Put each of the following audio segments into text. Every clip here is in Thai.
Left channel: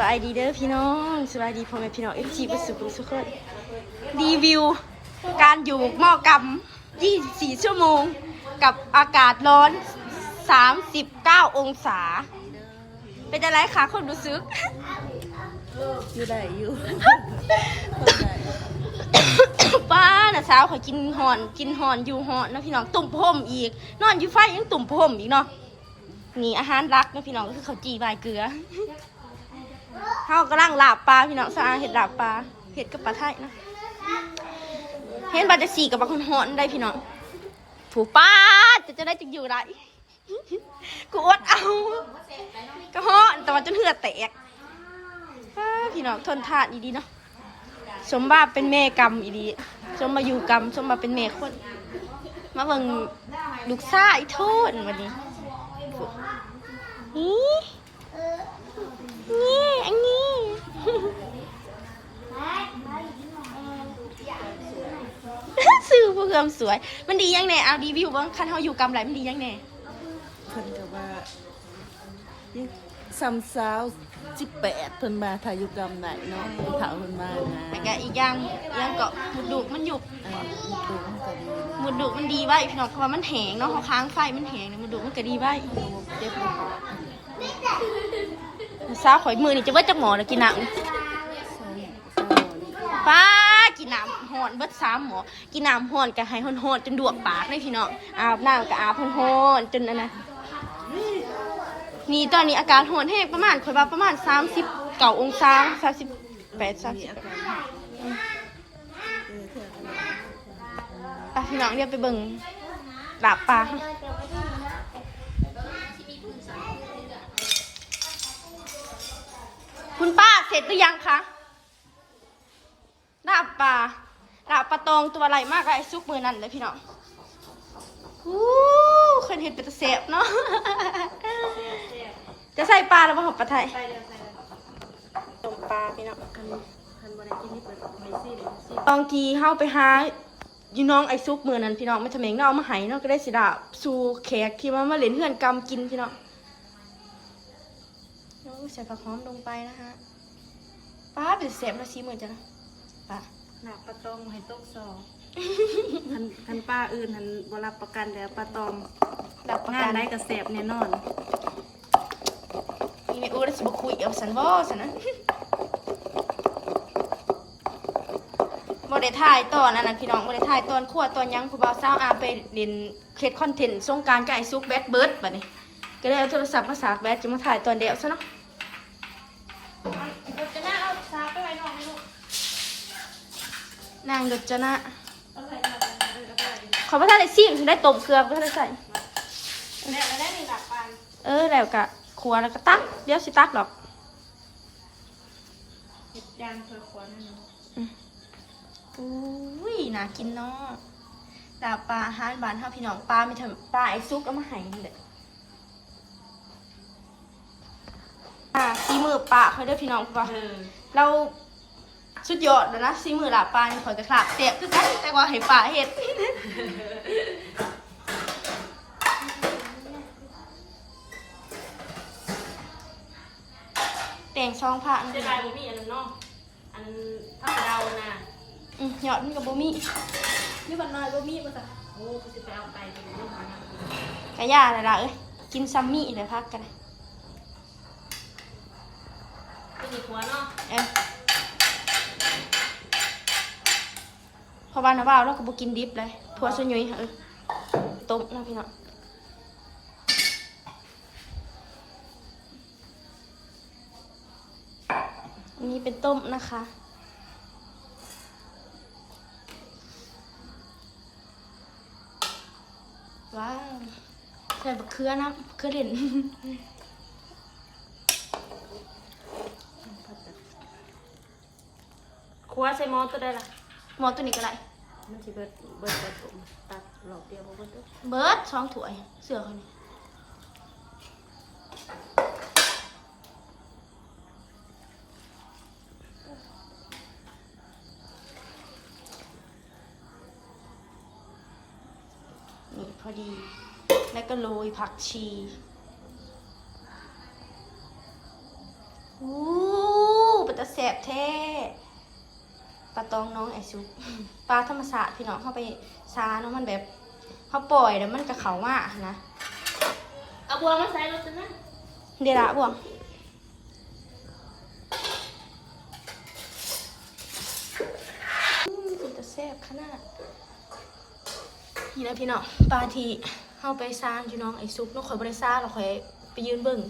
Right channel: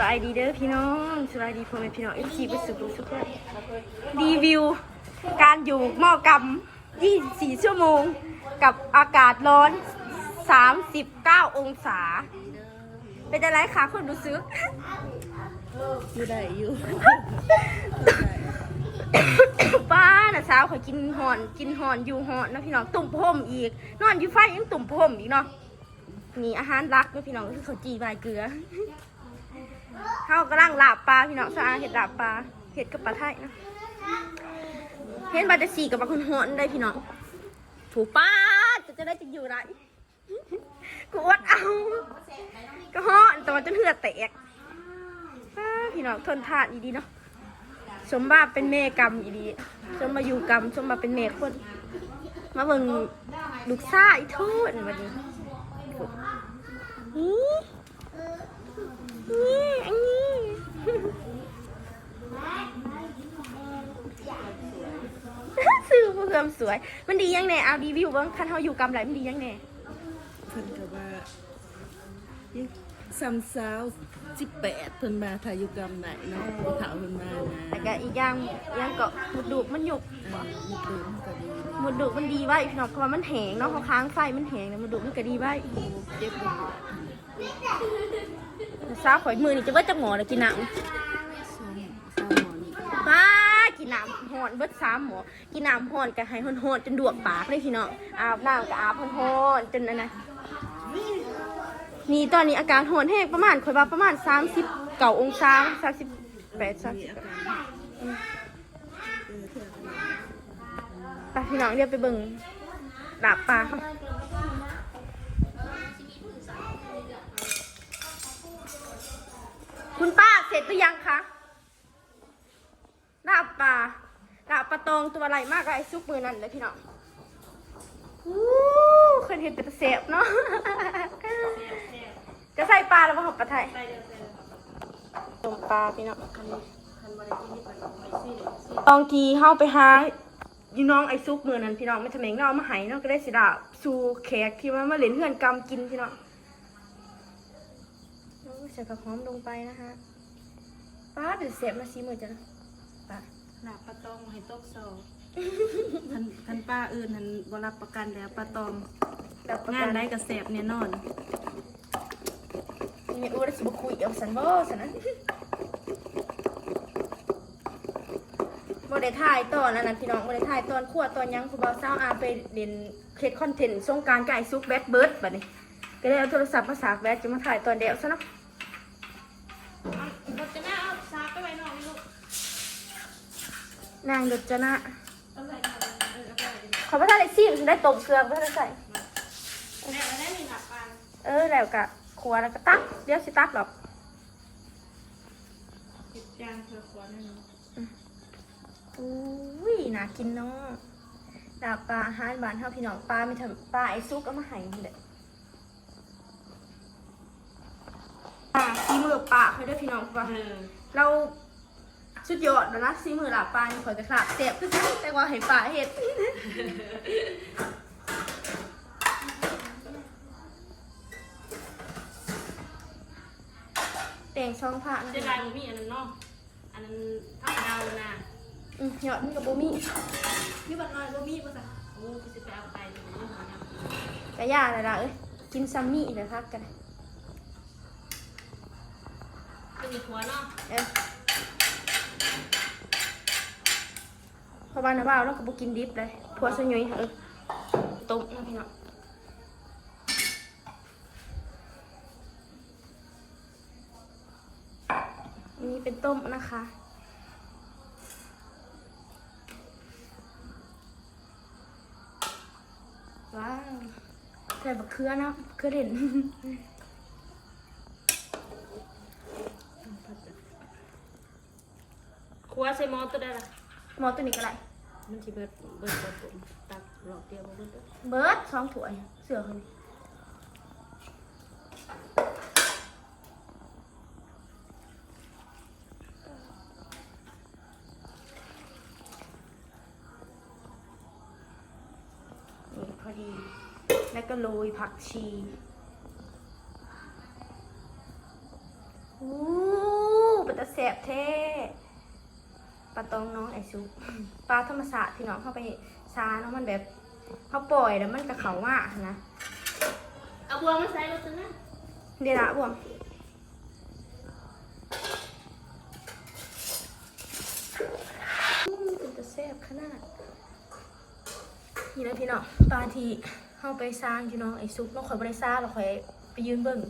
บายดีเด้อพี่น้องสบายดีพ่อแม่พี่น้องเอฟซีประสุขสุขเลยรีวิวการอยู่หม้อกำ24 ชั่วโมงกับอากาศร้อน39 องศาเป็นอะไรคะคนรู้สึกอยู่ได้อยู่ ป้าน่ะสาวเขากินหอนอยู่หอนนะพี่น้องตุ่มพรมอีกนอนอยู่ไฟยังตุ่มพรมอีกเนาะนี่อาหารรักนะพี่น้องก็คือข้าวจีบายเกลือเฮากำลังลาบปลาพี่น้องสะอาดเห็ดลาบปลาเห็ดกับปลาไทยนะเห็นบาดสีกับบางคนหอนได้พี่น้องผูป้าจะได้จึงอยู่ไรกูอดเอาก็หอนแต่ว่าจนเหือดแตกพี่น้องทนทานดีๆเนาะสมบัติเป็นแม่กรรมอีดีสมมาอยู่กรรมสมมาเป็นแม่คนมาเบิ่งลูกซ่าอีโทษวันนี้นี่อันนี้ซื้อเพื่อมสวยมันดียังไงเอารีวิวบ้างคันเขาอยู่กรรมไหลมันดียังไงเพิ่นก็ว่ายังซ้ำสาว18เพิ่นมาถ่ายอยู่กรรมไหนเนาะผู้เฒ่าเพิ่นมานะแต่ก็อีกอย่างยังเกาะมุดดุมันหยุบมุดดูมันก็ดี มุดดุมันดีไว้พี่น้องเพราะว่ามันแห้งเนาะเขาค้างไฟมันแห้งเนี่ยมุดดุมันก็ดีไว้เจ็บบ่ปวดซาข่อยมือนี่จะว่าจักหมอแล้วกินน้ำป้ากินน้ำหอนเบิด3 หมอกินน้ำหอนกับให้หอนจนดวกปากเลยพี่น้องอาบน้ำกับอาบหอนจนนั่นนะนี่ตอนนี้อาการหอนแห้งประมาณข่อยว่าประมาณ39 องศา38 30ไปพี่น้องเดี๋ยวไปเบิ่งลาบปลาคุณป้าเสร็จหรือยังคะลาบปลาตองตัวอะไรมากไอ้ซุกมือนั่นเลยพี่น้องเคยเห็นเป็นตะเสบเนาะจะใส่ปลาแล้วมาหอบปลาไทยต้มปลาพี่น้องตองทีเข้าไปหาอยู่น้องไอ้ซุกมือนั่นพี่น้องไม่ทำเองเนาะมาหายเนาะก็ได้สิดาสู่แขกที่มาเล่นเฮือนกำกินพี่น้องใส่ผักหอมลงไปนะคะป้าเป็นเสบนะซีมือจ้ะนะป้าหนักปลาตองให้ตกซอคันป้าอื่นหันบ่รับประกันแล้วปลาตองงานได้กระแสบแน่นอนมีไม่อู้ได้สิบคุยเอาสันบ่สันนะบ่ได้ถ่ายตอนนั้นพี่น้องบ่ได้ถ่ายตอนขั้วตอนยังผู้บ่าวสาวอาไปเรียนเคสคอนเทนต์สงกรานต์กับไอ้ซุกแบดเบิร์ดบัดนี้ก็เลยเอาโทรศัพท์มาสากแบดจะมาถ่ายตอนเดียวซะเนาะรถจะน่าเอาสากไปไว้นอกลูกนางรถจะน่าเขาไม่ได้ซิ่งได้ตบเกลือก็ได้ใส่แล้วได้ในหลักปานแล้วกะครัวแล้วก็ตักเดี๋ยวสิตักหรอกเห็ดยางเคยขวานั่นอุ้ยน่ากินเนาะดาบปลาอาหารบ้านเฮาพี่น้องปลาไม่ทำปลาไอ้ซุกเอามาให้นี่แหละซีมือปลาเขาได้พี่น้องป่ะเราสุดยอดแล้วนะซีมือหลาปลาข่อยกระขาเจ็บคือกันแต่ว่าให้ปลาเห็ดแต่งช่องผ้าจะได้บ่มีอันนั้นเนาะอันนั้นถ้ากระเดานะหยอดมันกับบ่มีนี่บัดน้อยบ่มีบ่ซะโอ้กูสิไปเอาไปเป็นเรื่องของยังกะย่าอะไรล่ะกินซัมมี่เลยพักกันเป็นหัวเนาะพอบ้านนะบ่าวเราก็บ่กินดิบเลยถั่วซะหน่อยต้มนะพี่น้องอันนี้เป็นต้มนะคะว้าวใส่บะเขือนะเขือเด่นครัวใส่หม้อตัวได้ล่ะหมอตัวนี้ก็ได้มันสิเบิดผมตักหลอกเดียวบ่เบิดเด้อเบิด2 ถ้วยเสือคนนี่พอดีแล้วก็โรยผักชีอู้ แสบแท้ปลาตองน้องไอซุกปลาธรรมศาสตร์พี่น้องเข้าไปซาเนาะมันแบบเขาปล่อยแล้วมันกระเขาว่านะเอาบวงมาใส่รถนะเดี๋ยวละบวงเป็นตะแสบขนาดนี่นะพี่น้องปลาทีเข้าไปซานอยู่น้องไอซุกน้องข่อยบริซาเราข่อยไปยืนเบิ่ง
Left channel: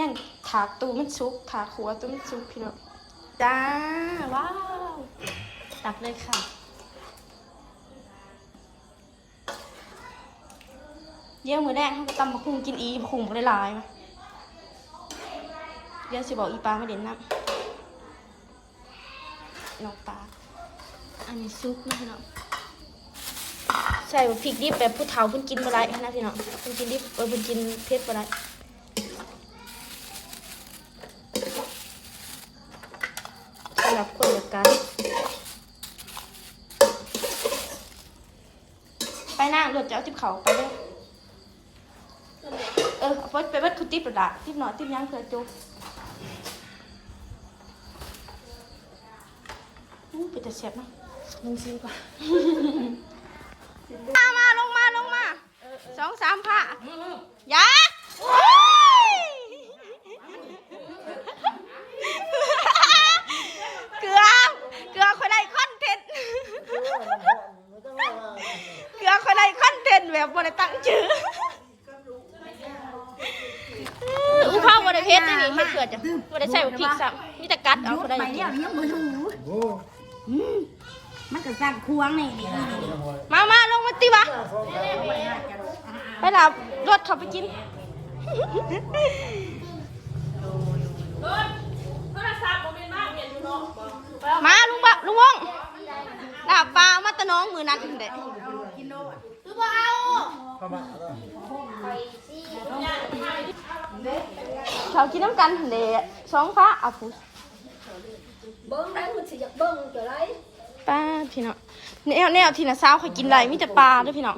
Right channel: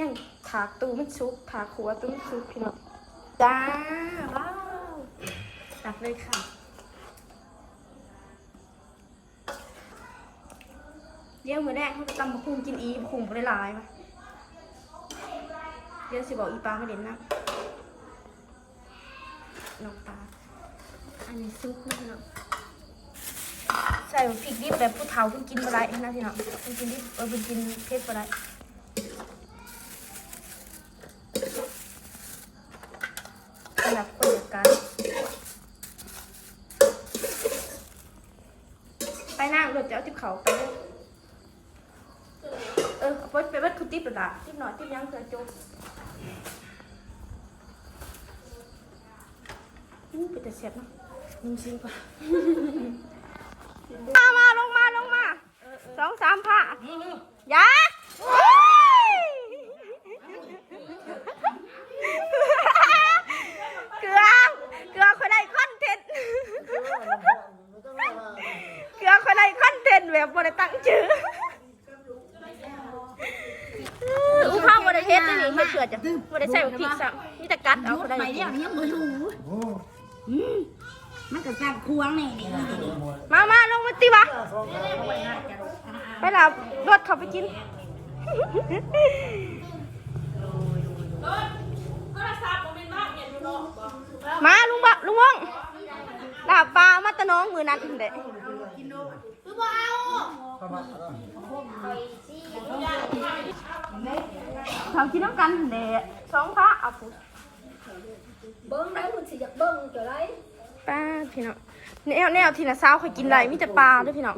ยังถากตูมันซุกถากหัวตูมันซุกพี่น้องจ้าว้าวตักเลยค่ะเยี่ยมมือแรกเขาไปตำบักหุ่งกินอีบักหุ่งได้หลายมาเดี๋ยวสิบอกอีปลาไม่เด่นนักน้องปลาอันนี้ซุปนะพี่น้องใส่พริกดิบแบบผู้เฒ่าเพิ่นกินอะไรนะพี่น้องเพิ่นกินดิบเพิ่นกินเผ็ดอะไรสำหรับคนเดียวกันไปหน้ารถจะเอาทิพเขาไปเลยเอาไปวัดคุณติ๊บหรือล่ะติ๊บหน่อยติ๊บย่างเผื่อจุ๊บเป็นแต่แซ่บเนาะมึงซิมก่อนมาลงมา2-3ผ้ายาเกลือคนใดคอนเทนต์เกลือคนใดคอนเทนต์แบบบริตั้งชื่ออุ้งข้าวบริเพชรนี่ให้เกลือจ้ะบริใส่พริกสับมีแต่กัดเอาคนใดกินมันก็สั่งควงนี่ มาลงมาตีวะไปหลับรถขับไปกินมาลุงวงดาบปลามาตะน้องมือนั้นเด็ดเขากินน้ำกันเด็ด2 พระเอาปุ๊บเบิ้งได้คุณสิอยากเบิ้งเกี่ยวไรป้าพี่น้องแนวที่น่ะสาวเขากินไรมีแต่ปลาด้วยพี่น้อง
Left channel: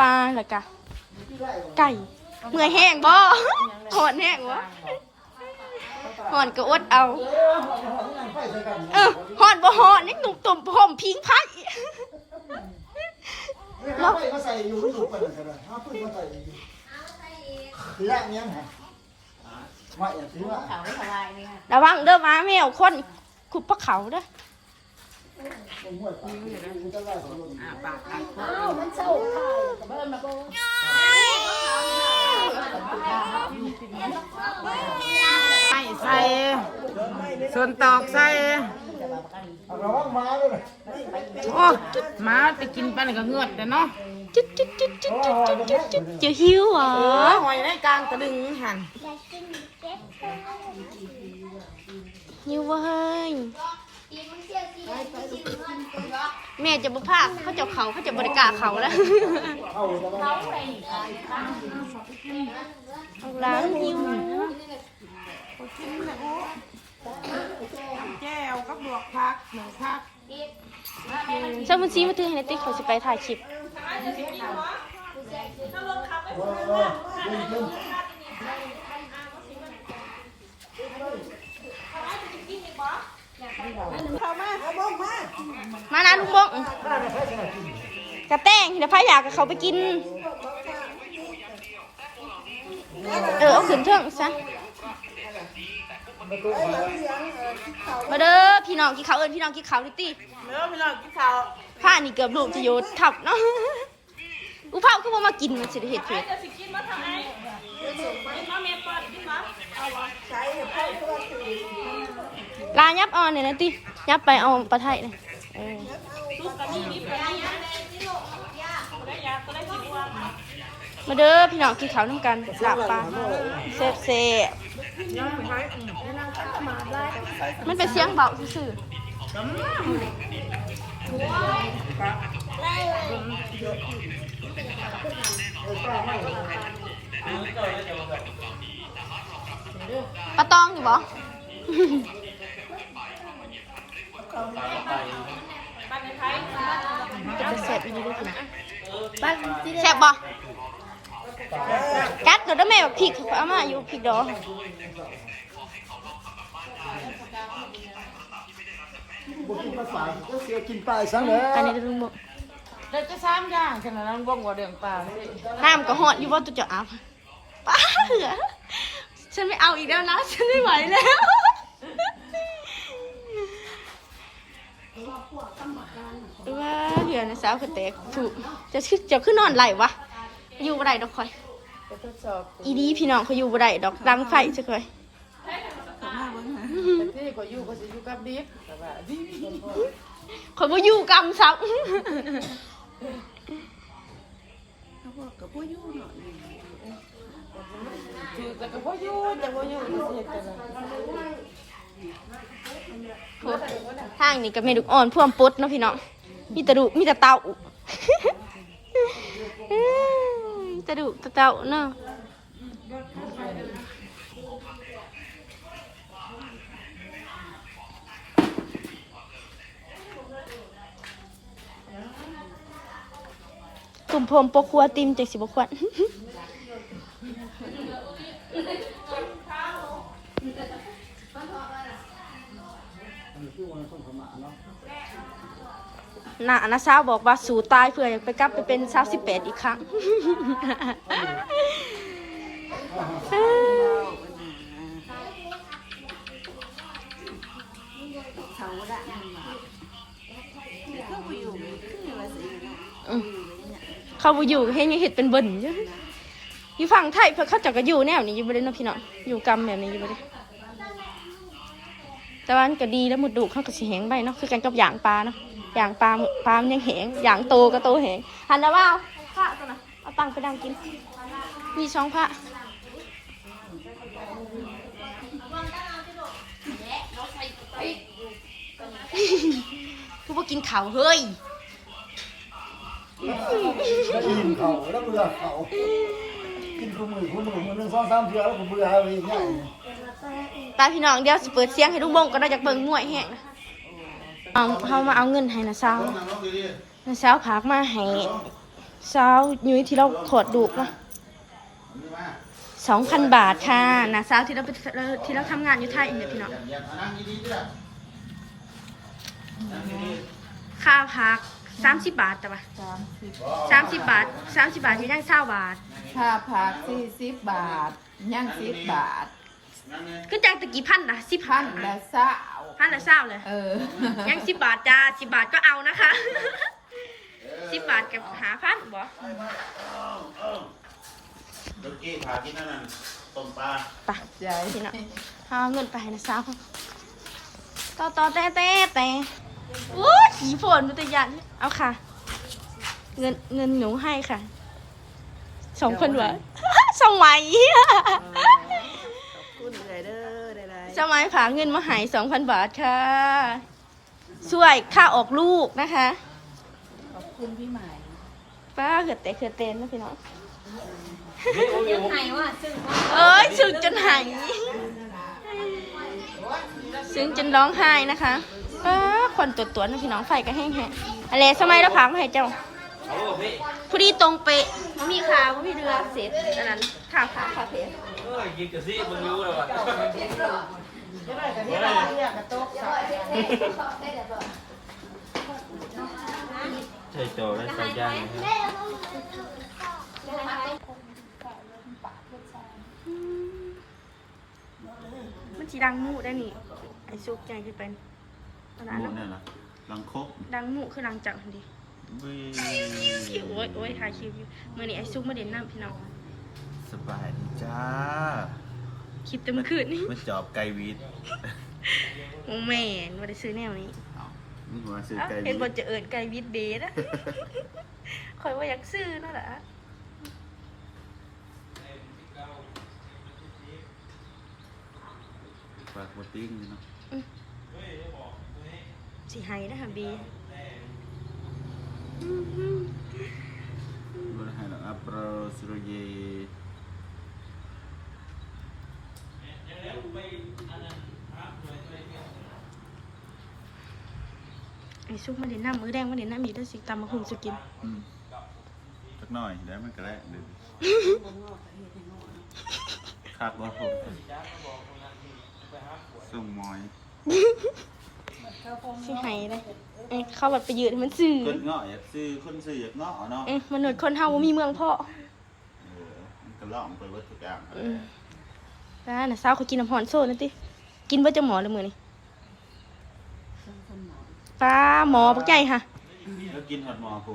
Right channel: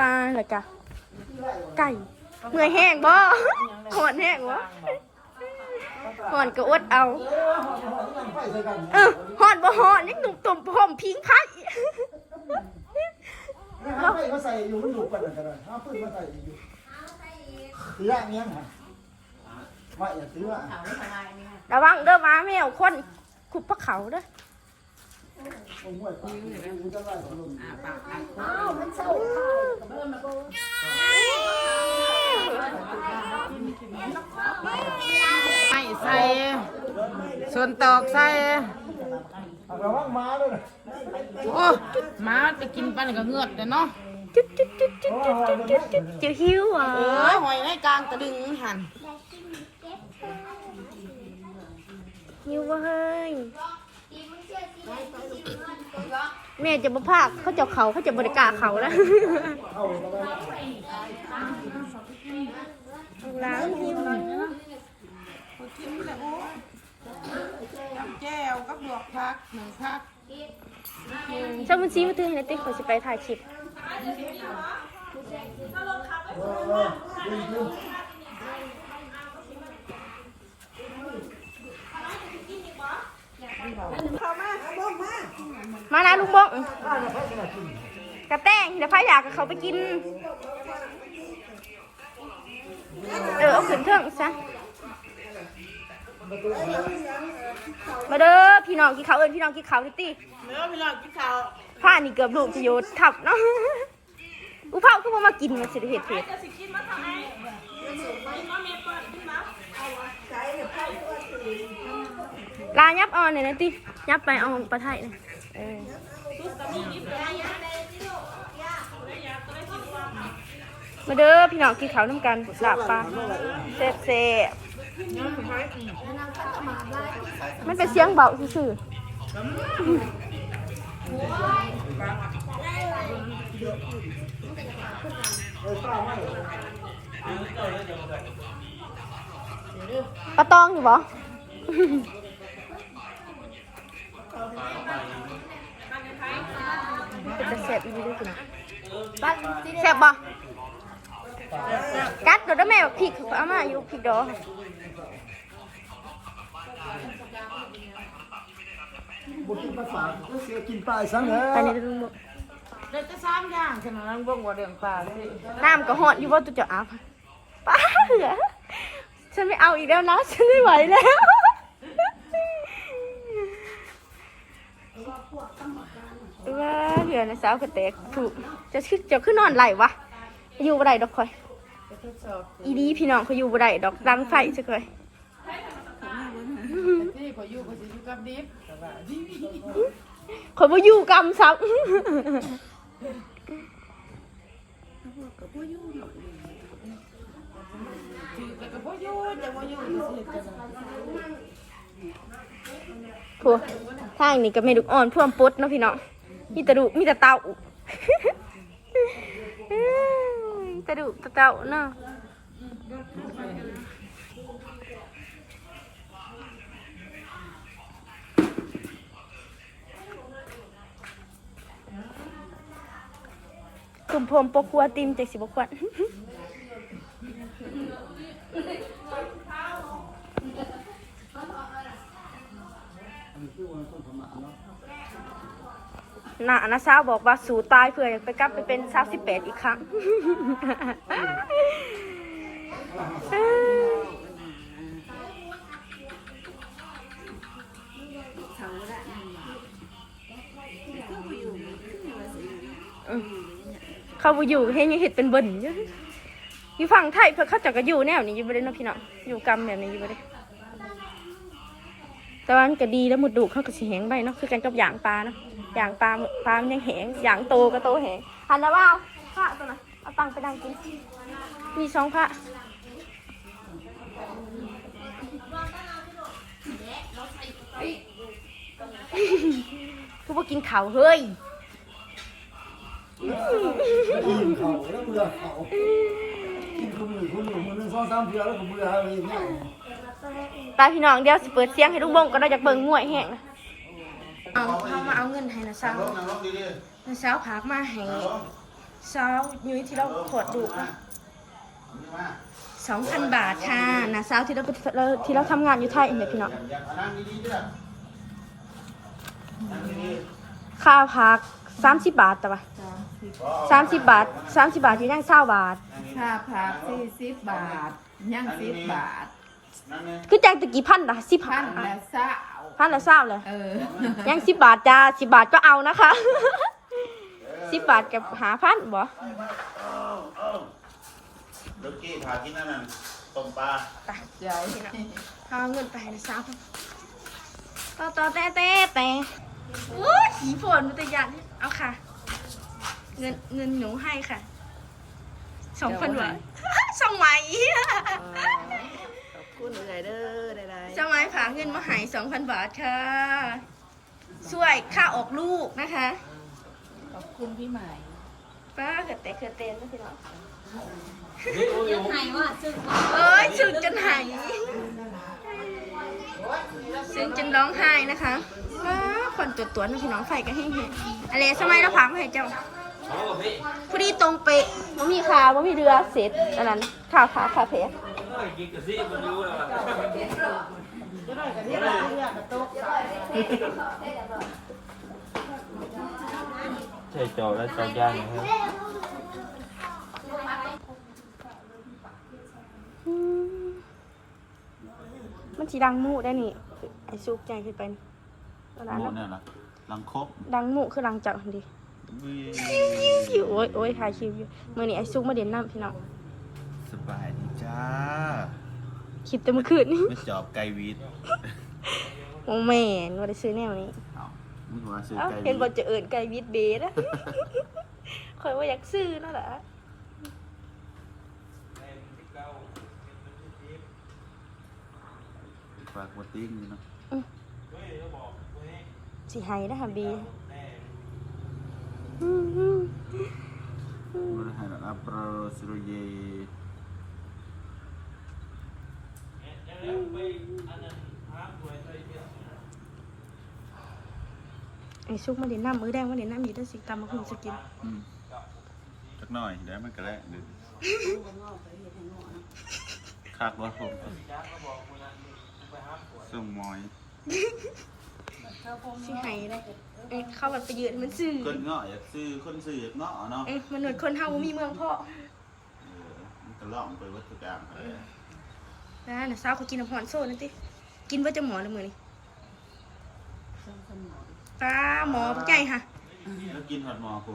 ปลาอะไรกะไก่เมื่อยแห้งบ่หอนแห้งบ่หอนก็อดเอาหอนบ่หอนนี่ตุ่มผมพิงพักเอาไปมาใส่อยู่ที่หลุดกันเลยก็ได้เอาปืนมาใส่อยู่ตีละเนี้ยนะว่าอย่าตีละ ระวังเด้อมาแมวคนขุดพระเขาเด้อปากตักใส่ส่วนตอกใส่โอ้หมาจะกินไปก็เงือดแต่เนาะจุดจะหิวอ่ะหอยในกลางตะดึงหันหิวเว้ยแม่จะบ่พากเขาจะเขาจะบริการเขาแล้วล้างหิวกินเลยโอ้น้ำแก้วกับลวกผักหนึ่งผักเจ้ามันซีมาตื้อให้ติ๊กขอจะไปถ่ายคลิปมานะลุงบงกระแตงเดี๋ยวพายอยากกับเขาไปกินเอาขึ้นเถอะซะมาเด้อพี่น้องกินข้าวพี่น้องกินข้าวดิตี้เนื้อพี่น้องกินข้าวผ้านี่เกือบลูกจะโยนทับเนาะอุเผาคือว่ามากินมันสิเห็ดเผ็ดลายับอ่อนเนี่ยนะตี้ยับไปเอาปลาไทยนะมาเด้อพี่น้องกินข้าวน้ำกันลาบปลาเซ่มันเป็นเสียงเบาซื่อปลาตองอยู่บ่จะเสิร์ฟอีกด้วยคุณแซ่บบ่กัดเดี๋ยวแม่พริกเอามาอยู่พริกดอง บ่กินมาฝากก็เสียกินปลายซะแล้ว ตอนนี้ลุงบอก เดี๋ยวจะ3อย่างฉะนั้นบ่งว่าเรื่องปลา น้ำก็หอดอยู่ว่าตัวจะอาบป้าเหรอฉันไม่เอาอีกแล้วนะ ฉันไม่ไหวแล้วว่าเหือนะสาวกระเตกถูกจะขึ้นนอนไหลวะอยู่บ่ได้ดอกคอย ไปทดสอบ อีดีพี่น้องเขาอยู่บ่ได้ดอกดังไฟจะเคย แต่ที่ก็อยู่ก็สิอยู่กับดิฟแต่ว่าดิฟ เขาบ่อยู่กรรมซับ เขาบอกกับบ่อยู่เนาะคือแต่ก็บ่อยู่แต่บ่อยู่ก็สิเฮ็ดจังได๋ พวกทางนี้ก็ไม่ดุอ่อนพ่วมปุ๊ดเนาะพี่น้องมีแต่ดุมีแต่เต่าแต่ดุแต่เต่าเนาะกลุ่มผมปกครัวติมจากสิบกวนน่ะนะสาวบอกว่าสู่ตายเพื่ออยากไปกลับไปเป็นสาว18อีกครั้ง เขาละนั่นว่าเขาบ่อยู่คือว่าสิ เขาบ่อยู่ให้ยังเห็ดเป็นเบิ่นอยู่อยู่ฝั่งไทยเพื่อเขาเจะก็อยู่แนวนี้อยู่บ่ได้เนาะพี่น้องอยู่กรรมแบบนี้อยู่บ่ได้แต่ว่ามันก็ดีแล้วหมดดุเขาก็สิแห้งไปเนาะคือกันกับอย่างปลาเนาะอย่างปลามันยังแห้งอย่างโตก็โตแห้งหันนะว่าผ้าตัวน่ะเอาตังไปดังกินมีช่องผ้าคือบ่กินข้าวเฮ้ย กินเขาแล้วเบื่อเขากินคู่มือมันนึง2-3เทื่อแล้วก็เบื่อเอาเองเนี่ย ไปพี่น้องเดี๋ยวสิเปิดเสียงให้ลุงบงก็ได้จากเบิ่งมวยแห้งนะเขามาเอาเงินให้นะสาวนะสาวพากมาให้สาวยุ้ยที่เราถอดดูกนะ2,000 บาทค่ะนะสาวที่เราทำงานอยู่ไทยเนี่ยพี่น้องค่าพัก30 บาทแต่ว่า30 บาท30 บาทอยู่ย่าง20 บาท ค่าผัก40 บาทย่าง10 บาท คือจังตะกี้พันละ10 พันละเศร้า พันละ20เลย ยัง10 บาทจ้า10 บาทก็เอานะคะ 10 บาทกับ5,000บ่ ลูกกี้พากินนั่นน่ะต้มปลา ไป เดี๋ยว พี่น้องเอาเงินไปให้นะสาวต่อแต่โอ้ยขี่ฝนมันตัวยันเอาค่ะ เงินหนูให้ค่ะ2,000 บาท สมัย ขอบคุณเลยเด้อได้ สมัยผาเงินมาใหาย2,000 บาทค่ะช่วยค่าออกลูกนะคะ ขอบคุณพี่ใหม่ ป้าเกิดเต้นนะพี่น้อง ยังไงวะซึ่ง เอ้ยซึ้งจนหายซึ้งจนร้องไห้นะคะป้าควันตัวนะพี่น้องไฟก็แห้งๆอะไรสมัยเราพักมาให้เจ้าพอดีตรงเป๊ะว่ามีขาว่ามีเรือเสร็จอันนั้นขาเพ กินกะซิมันรู้แล้วใช่จอไม่สัญญาณนะครับ มันสีดังหมู่ได้นี่ไอซุกใหญ่ขึ้นไปตอนนั้น หมู เนาะ เนี่ยนะลังคก ดังหมู่คือดังจักหันดี วิ โอ้ยถ่ายชิวอยู่เมื่อนี้ไอซุกมาเด่นน้ำพี่น้อง สบายดีจ้า คลิปแต่เมื่อคืนนี้ ไม่จอบไกวีด มองแม่นว่าได้ซื้อแนวนี้ เอานี่หัวซื้อ เอ้า ไกวี เห็นบอ ด จะเอิญไก่วิดเบสอะ คอยว่าอยากซื้อนั่นแหละ ฝากมาติ้งอยู่เนาะ สิไฮนะคะบี บริหารอัปโรสุรเย ไอซุกมาเด่นน้ำมือแดงมาเด่นน้ำมีได้สิตามมาหุงสกิน สักหน่อยแล้วมันก็แล้วเดี๋ยวคาดว่าผมส ส่งมอย สิให้ได้เข้าบัดไปยืนมันซื่อ คนเงาะอยากซื้อคนซื้ออยากเงาะเนาะ มนุษย์คนเฮาบ่มีเมืองพ่อ มันก็ล่องไปวัตถุกรรม ร้านน่ะสาวเขากินน้ำหอนโซ่นั่นติกินเบ่จะหมอเลยมื้อนี้ ป้าหมอปักใหญ่ค่ะ แล้วกินหอดหมอกู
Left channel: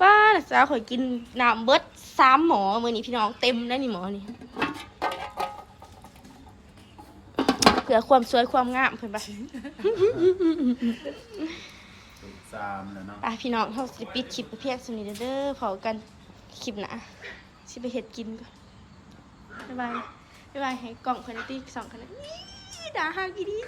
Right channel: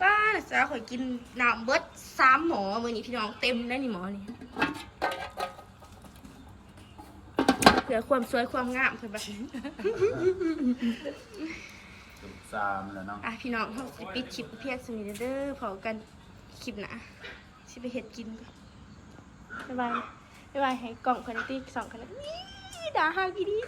ป้าน่ะสาวข่อยกินน้ำเบิด3 หมอมื้อนี้พี่น้องเต็มได้นี่หมอนี่เพื่อความสวยความงามเพิ่นบ่ ซามแล้วเนาะ พี่น้องเฮาสิปิดคลิปเพียงสนิทเด้อพอกันคลิปหน้าสิไปเฮ็ดกินก่อนบ๊ายบายให้กล่องคนนี้ติ๊ก2คนนี้ด่าหากี่ดี